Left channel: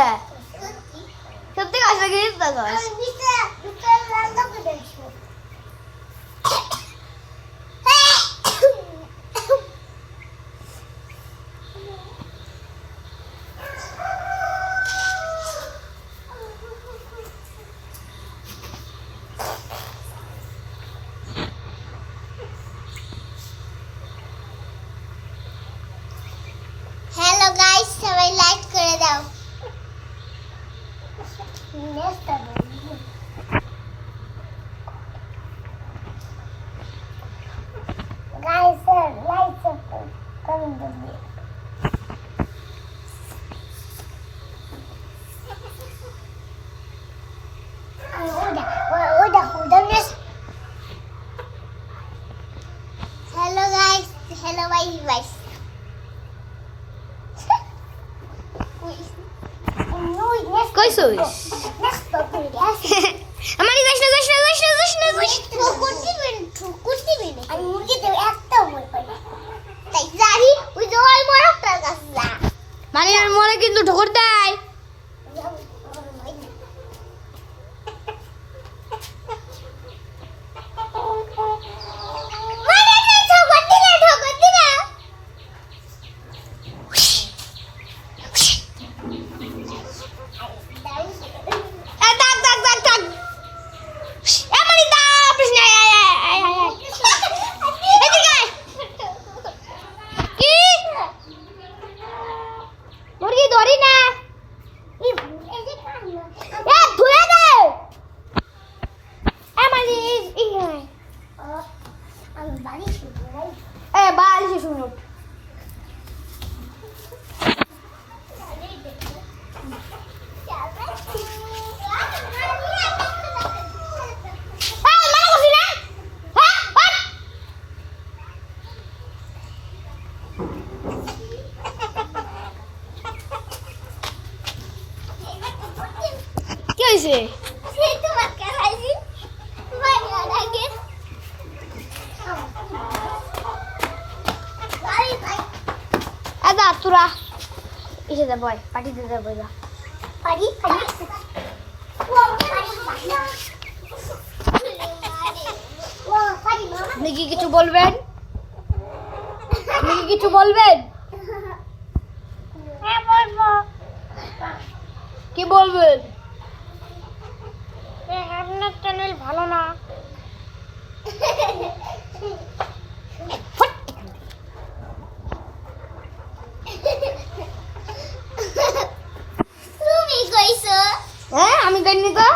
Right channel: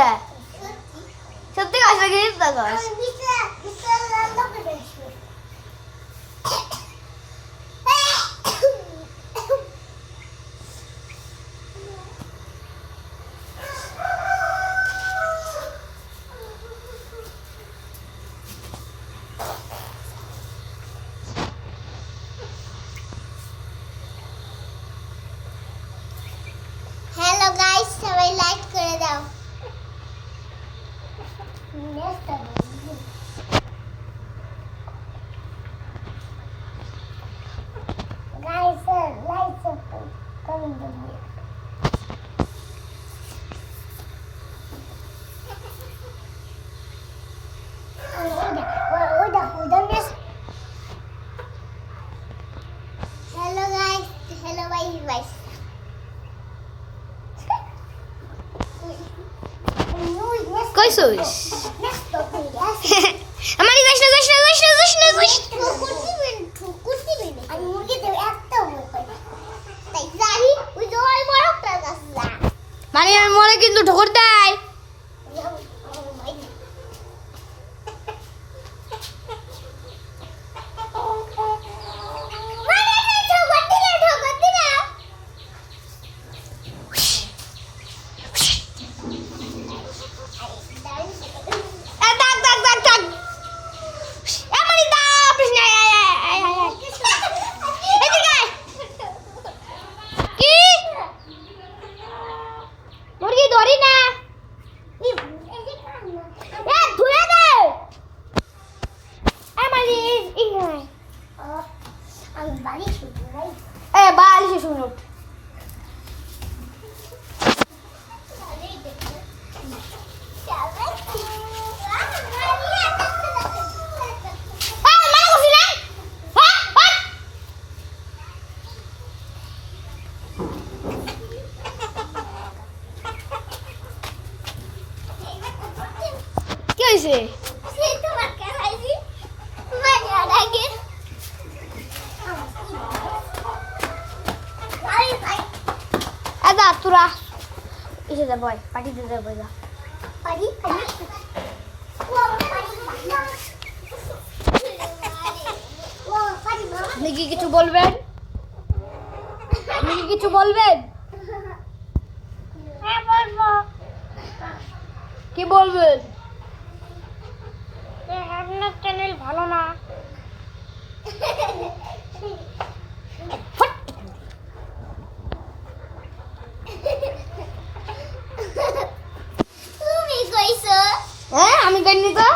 কে সত্যি কাছে গিয়ে তা কর হ্যালো গাইস, সবাই লাইক করে দাও। গাইস লাইক করে দাও। Hello guys, hello guys. কই শুইস আমারই যাস না মানে আমি মরে কিন্তু ঠোকর দেয় ধরি না ধুয়ে দে বাড়ি শুনো কি হয়েছে আদা তোরা এসে যা বয় পার্টি দিতে যাবো যা আপনি কি কিছু বলবেন হ্যাঁ বলবো। কি বলবেন আপনার চ্যানেল ভালো না। তুমি কইছো? হ্যাঁ আমি জানি তো